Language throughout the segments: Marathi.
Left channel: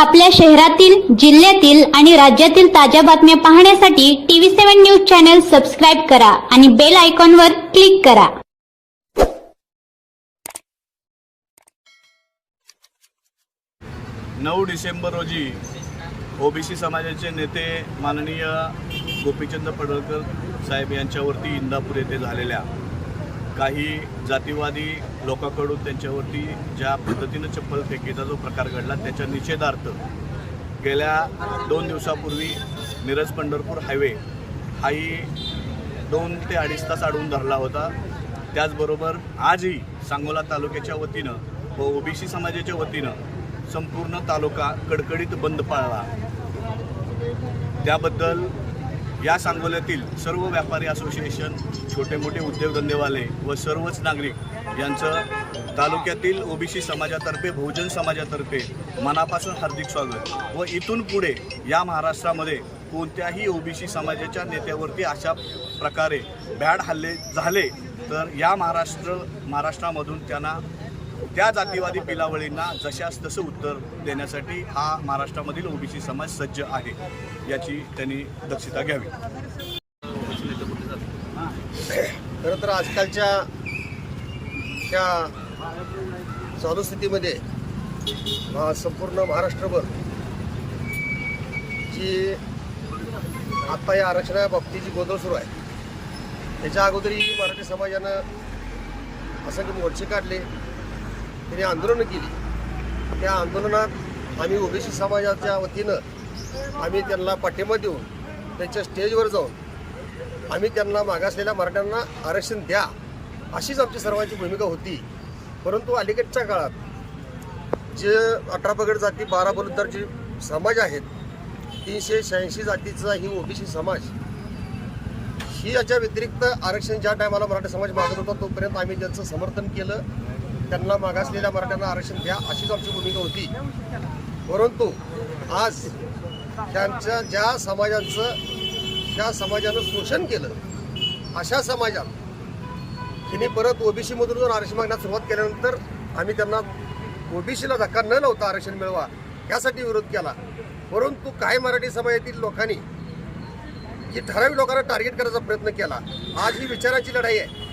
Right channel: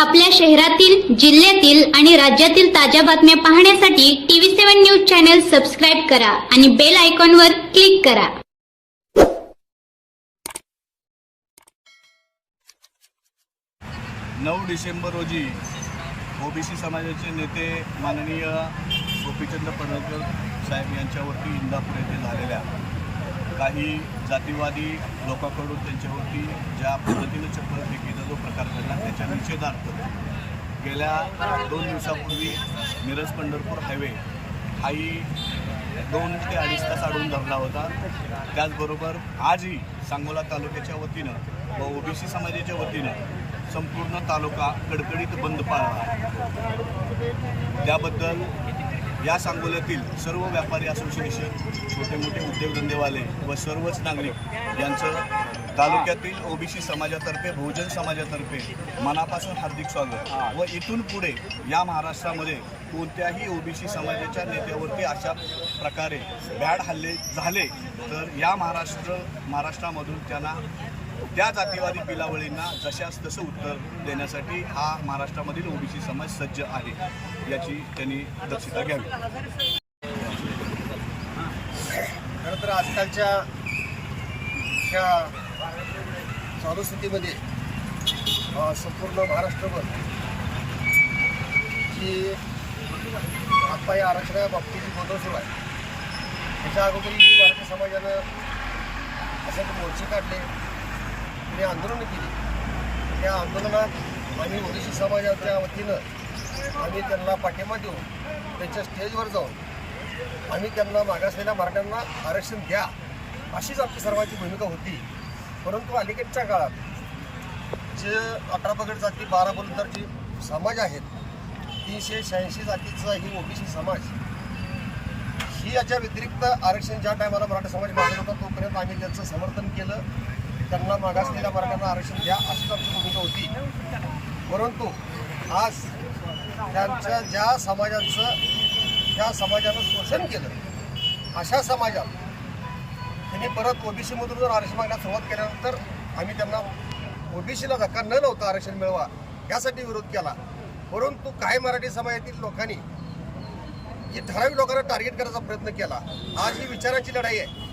आपल्या शहरातील जिल्ह्यातील आणि राज्यातील ताज्या बातम्या पाहण्यासाठी TV seven news channel subscribe करा आणि बेल आयकॉनवर क्लिक करा. नऊ डिसेंबर रोजी ओबीसी समाजाचे नेते माननीय गोपीचंद पडळकर साहेब यांच्यावरती इंदापूर येथे झालेल्या काही जातीवादी लोकांकडून त्यांच्यावरती ज्या पद्धतीनं चप्पल फेकीचा जो प्रकार घडला त्याच्या निषेधार्थ गेल्या दोन दिवसापूर्वी मिरज पंढरपूर हायवे हाही दोन ते अडीच तास अडवून धरला होता. त्याचबरोबर आजही सांगोला तालुक्याच्या वतीनं व ओबीसी समाजाच्या वतीनं संपूर्ण तालुका कडकडीत बंद पाळला. त्याबद्दल या सांगोल्यातील सर्व व्यापारी असोसिएशन छोटे मोठे उद्योगधंदेवाले व सर्वच नागरिक यांचं तालुक्यातील ओबीसी समाजातर्फे बहुजन समाजातर्फे मनापासून हार्दिक स्वागत. व इथून पुढे या महाराष्ट्रामध्ये कोणत्याही ओबीसी समाजाच्या नेत्यावरती अशा प्रकारे भॅड हल्ले झाले तर या महाराष्ट्र महाराष्ट्रामधून त्यांना त्या जातीवादी पिलावळींना जशास तसं उत्तर देण्यासाठी हा महाराष्ट्रामधील ओबीसी समाज सज्ज आहे याची त्यांनी दक्षता घ्यावी. खरं तर आजकालच्या ह्या चालू स्थितीमध्ये संपूर्ण महाराष्ट्रभर जी आता या आरक्षणाबाबतीत जी गोंधळ सुरू आहे त्याच्या अगोदरही मराठी समाजानं असंख्य मोर्चे काढले. त्यांनी आंदोलनं केली. त्या आंदोलनात आम्ही ओबीसी समाजाच्या वतीनं आम्ही त्यांना पाठिंबा देऊन त्यांच्या स्टेजवर जाऊन आम्ही त्यांना मागासलेल्या मराठ्यांना आरक्षण द्या अशीच आमची सर्वांची भूमिका होती. परंतु अलीकडच्या काळात जे अठरा पगड जाती बारा बलुद्धार जे समाज आहेत तीनशे शहाऐंशी जातीचा ही ओबीसी समाज ही याच्या व्यतिरिक्त आरक्षण ज्या टायमाला मराठा समाज मागत होता तोपर्यंत आम्ही त्यांचं समर्थन केलं. त्यांना मागासलेल्या मराठ्यांना आरक्षण द्या अशीच आमची भूमिका होती. परंतु आज त्यांच्या ज्या समाजाचं त्या समाजानं शोषण केलं अशा समाजात त्यांनी परत ओबीसीमधून जर आरक्षण मागण्यास सुरुवात केल्यानंतर आम्ही त्यांना ओबीसीला धक्का न लावता आरक्षण मिळवा यासाठी विरोध केला. परंतु काही मराठी समाजातील लोकांनी ही ठराविक लोकांना टार्गेट करायचा प्रयत्न केला. आज ही विचारांची लढाई आहे.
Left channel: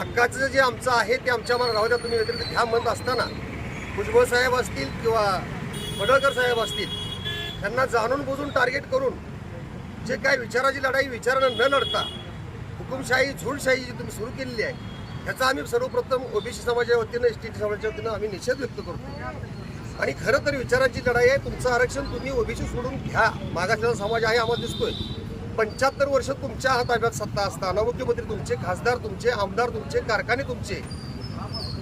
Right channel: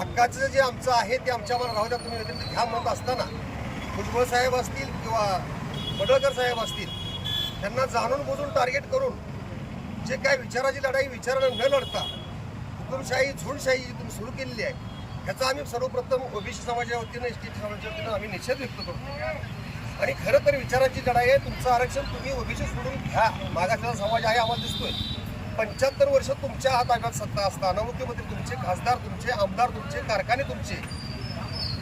हक्काचं जे आमचं आहे ते आमच्या मला राहू द्या. तुम्ही व्यतिरिक्त घ्या म्हणत असताना भुजबळ साहेब असतील किंवा पडळकर साहेब असतील त्यांना जाणून बुजून टार्गेट करून जे काय विचाराची लढाई विचारानं न लढता हुकुमशाही झुंडशाही जी तुम्ही सुरू केलेली आहे ह्याचा आम्ही सर्वप्रथम ओबीसी समाजाच्या वतीनं एस टी समाजाच्या वतीनं आम्ही निषेध व्यक्त करतो. आणि खरं तर विचाराची लढाई आहे. तुमचं आरक्षण तुम्ही ओबीसी सोडून घ्या. मागासलेला समाज आहे आम्हाला दिसतोय. पंच्याहत्तर वर्ष तुमच्या हात ताब्यात सत्ता असताना मुख्यमंत्री तुमचे खासदार तुमचे आमदार तुमचे कारखाने तुमचे.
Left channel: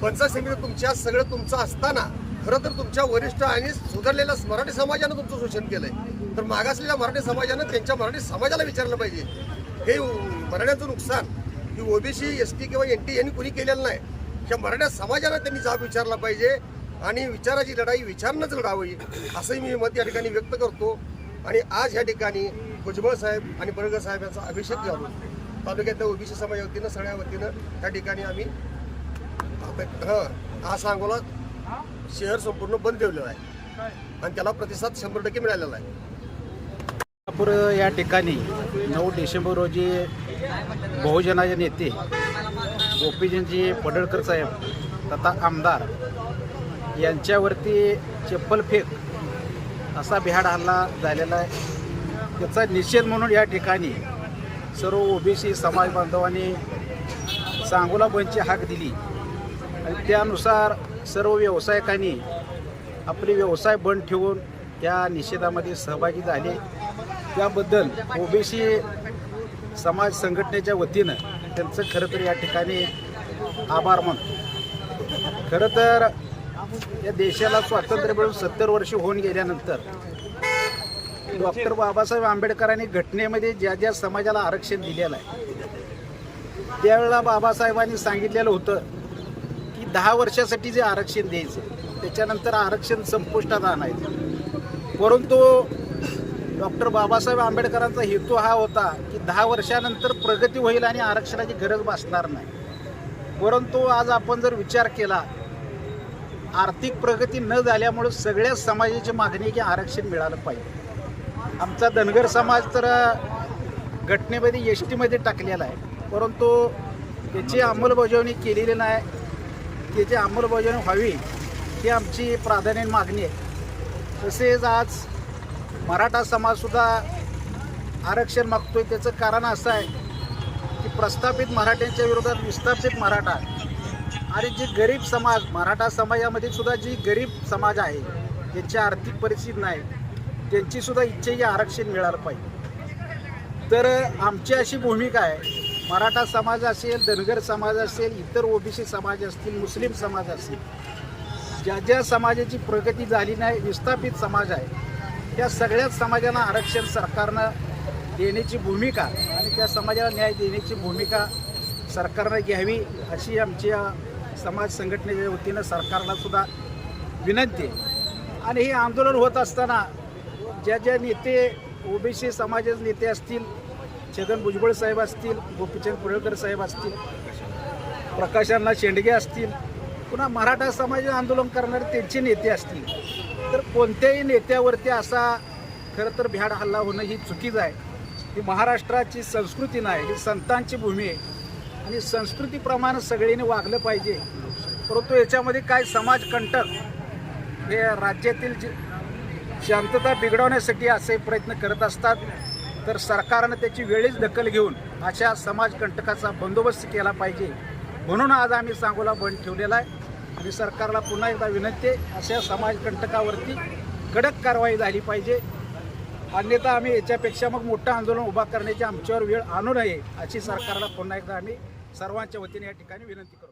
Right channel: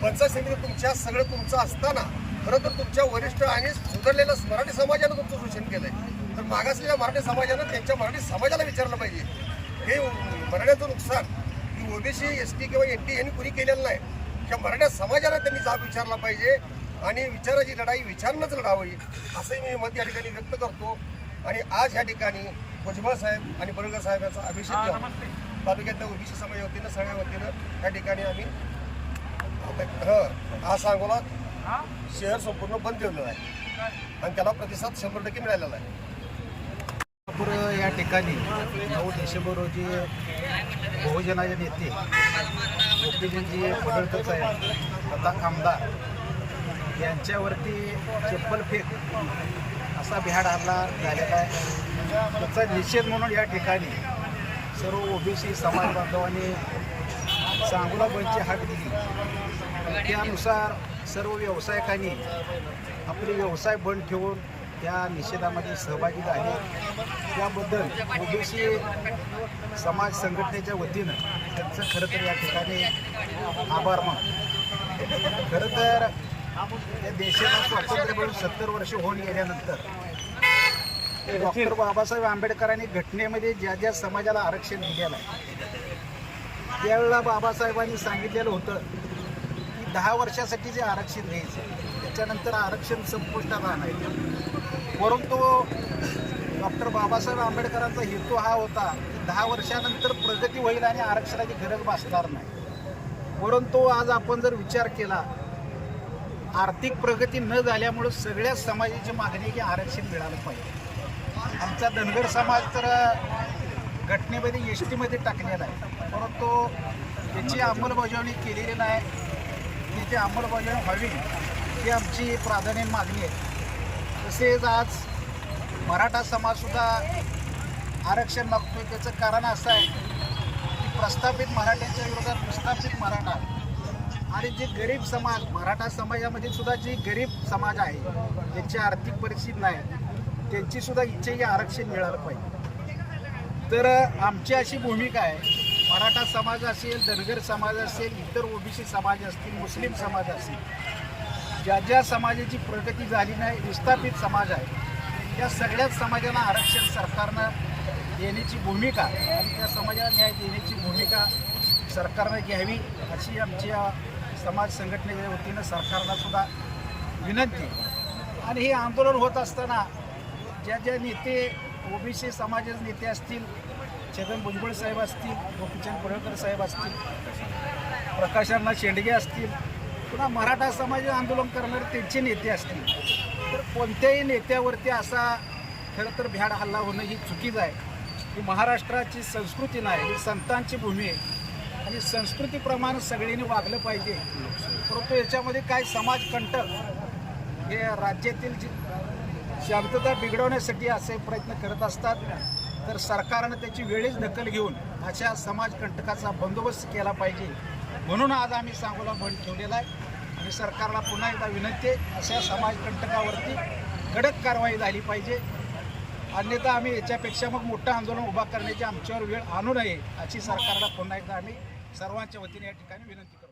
पंचायत समिती तुमच्या सगळं तुमचं असताना खरं तर तुमच्या वरिष्ठ आणि सुधारलेल्या मराठी समाजानं तुमचं शोषण केलंय. तर मागासलेल्या मराठी समाजानं त्यांच्या मराठी समाजाला विचारलं पाहिजे. हे मराठ्याचं नुकसान की ओबीसी एस टी किंवा एन टी यांनी कुणी केलेलं नाही. त्या मराठा समाजाला त्यांनी जाब विचारला पाहिजे आणि विचाराची लढाई विचारणंच लढावी असंही मी मत या ठिकाणी व्यक्त करतो. आणि आज या ठिकाणी भुजबळ साहेब आणि बरगर साहेब यांचा अभिषेक घ्यावा तालुक्यातल्या ओबीसी समाजा वतीनं सगळ्या वतीनं त्या ठिकाणी आम्ही हं, हा सांगोला शहर संपूर्ण बंद ठेवलेलं आहे. आणि त्याला प्रतिसाद शंभर टक्के मिळालेला आहे. नागपूर या ठिकाणी नऊ डिसेंबर रोजी बहुजनाचे नेते गोपीजींजी पडळकर साहेब तथा आमदार यांच्यावरती चप्पल फेक असा बिहाड हल्ला झालेला आहे. त्याचा निषेध म्हणून या ठिकाणी सर्व ओबीसी समाज बांधवांनी सांगोला बंदची हाक दिली. आणि त्यानुसार सर्व व्यावसायिकांनी आपले व्यवसाय बंद ठेवून त्या निषेधामध्ये सहभागी झाले. त्याबद्दल ओबीसी समाज संघटनेच्या वतीनं त्यांचं खरं तर या ठिकाणी आभार मानतो खरं तर या देशाला स्वातंत्र्य मिळून सत्तर वर्ष होऊन गेल्यानंतर डॉक्टर बाबासाहेब आंबेडकरांनी घटनेमध्ये ज्या ज्या समाजाला आरक्षण दिलेलं आहे त्यावेळेला बाबासाहेबांनी सांगितलेलं होतं की दहा वर्षासाठी जे आरक्षण द्यायचे त्याच्यानंतर आरक्षण संपुष्टात आणायचं परंतु डॉक्टर बाबासाहेब आंबेडकरांचा हेतू हा होता की दहा वर्षानंतर प्रगती होईल आणि आरक्षणाची गरज भासणार नाही. परंतु आज आपण जर विचार केला आर्थिक प्रगती न झाल्यामुळं सगळ्याच समाजाची मागणी की आरक्षण मिळालं पाहिजे. आमचा धनगर समाज तर घटनेमध्ये एस टीमध्ये टाकलेला आहे. परंतु त्याची अंमलबजावणी केलेली नाही. त्याची अंमलबजावणी व्हावी ही आमची प्राधान्य मागणी आहे. तसेच आज मराठा समाजसुद्धा आरक्षण मागतोय. त्याचं कारण असं आहे की प्रस्थापित मराठ्यांच्या विरोधात विस्थापित मराठा आणि जे गरीब समाज मराठा समाजामध्ये सुद्धा जी गरीब समाज आहे ज्यांची आर्थिक परिस्थिती नाही. त्यांची सुद्धा इच्छा ही आरक्षण मिळालं पाहिजे. तर आमची अशी भूमिका आहे मराठा समाज असेल धनगर समाज असेल इतर ओबीसी समाज असतील मुस्लिम समाज असतील ज्या ज्या समाजाची प्रगती झाली नाही विस्थापित समाज आहे त्या सगळ्याच समाजाला आरक्षण सरकारनं देण्याची भूमिका आणि त्या समाजाला न्याय देण्याची भूमिका सरकारनं घ्यावी अशी आमच्या समाज संघटनेच्या वतीनं सरकारला सुद्धा विनंती आहे. आणि हे आंदोलन होत असताना ज्या ज्या नेते ओबीसी समाजाचे नेते असतील छगन भुजबळ साहेब असतील गोपीचंद पडळकर साहेब असतील प्रकाशांना शेंडगे असतील पुन्हा मराठा समाज आंदोलन करणारे त्यांचे नेते असतील. तर कोणत्याही नेत्यावरती असा खरं तर भ्याड हल्ला होणं ही चुकीचं आहे. ही महाराष्ट्राची संस्कृती नाही ही संतांची भूमी आहे. आणि संस्कृतीप्रमाणे सगळ्यांनी वागलं पाहिजे. परंतु याच्यामध्ये काय समाजकंटक हे राज्यातील जे शांतता बिघडवण्यासाठी असे प्रयत्न करत असतात. तर सरकारनं त्याची वेळीच दखल घेऊन अशा समाजकंटकाचा बंदोबस्त केला पाहिजे. म्हणून आज आम्ही सांगोला बंद ठेवलेला आहे. आणि सरकारला पुन्हा एकदा विनंती आहे अशा समाजकंटकावरती कडक कारवाई झाली पाहिजे. अन्यथा आम्ही याच्यापेक्षा मग मोठं आंदोलन उभा करण्याची आमच्यावर वेळ आणू नये अशी सरकारला पुन्हा एकदा आम्ही सर्वांच्या वतीने या ठिकाणी विनंती करतो.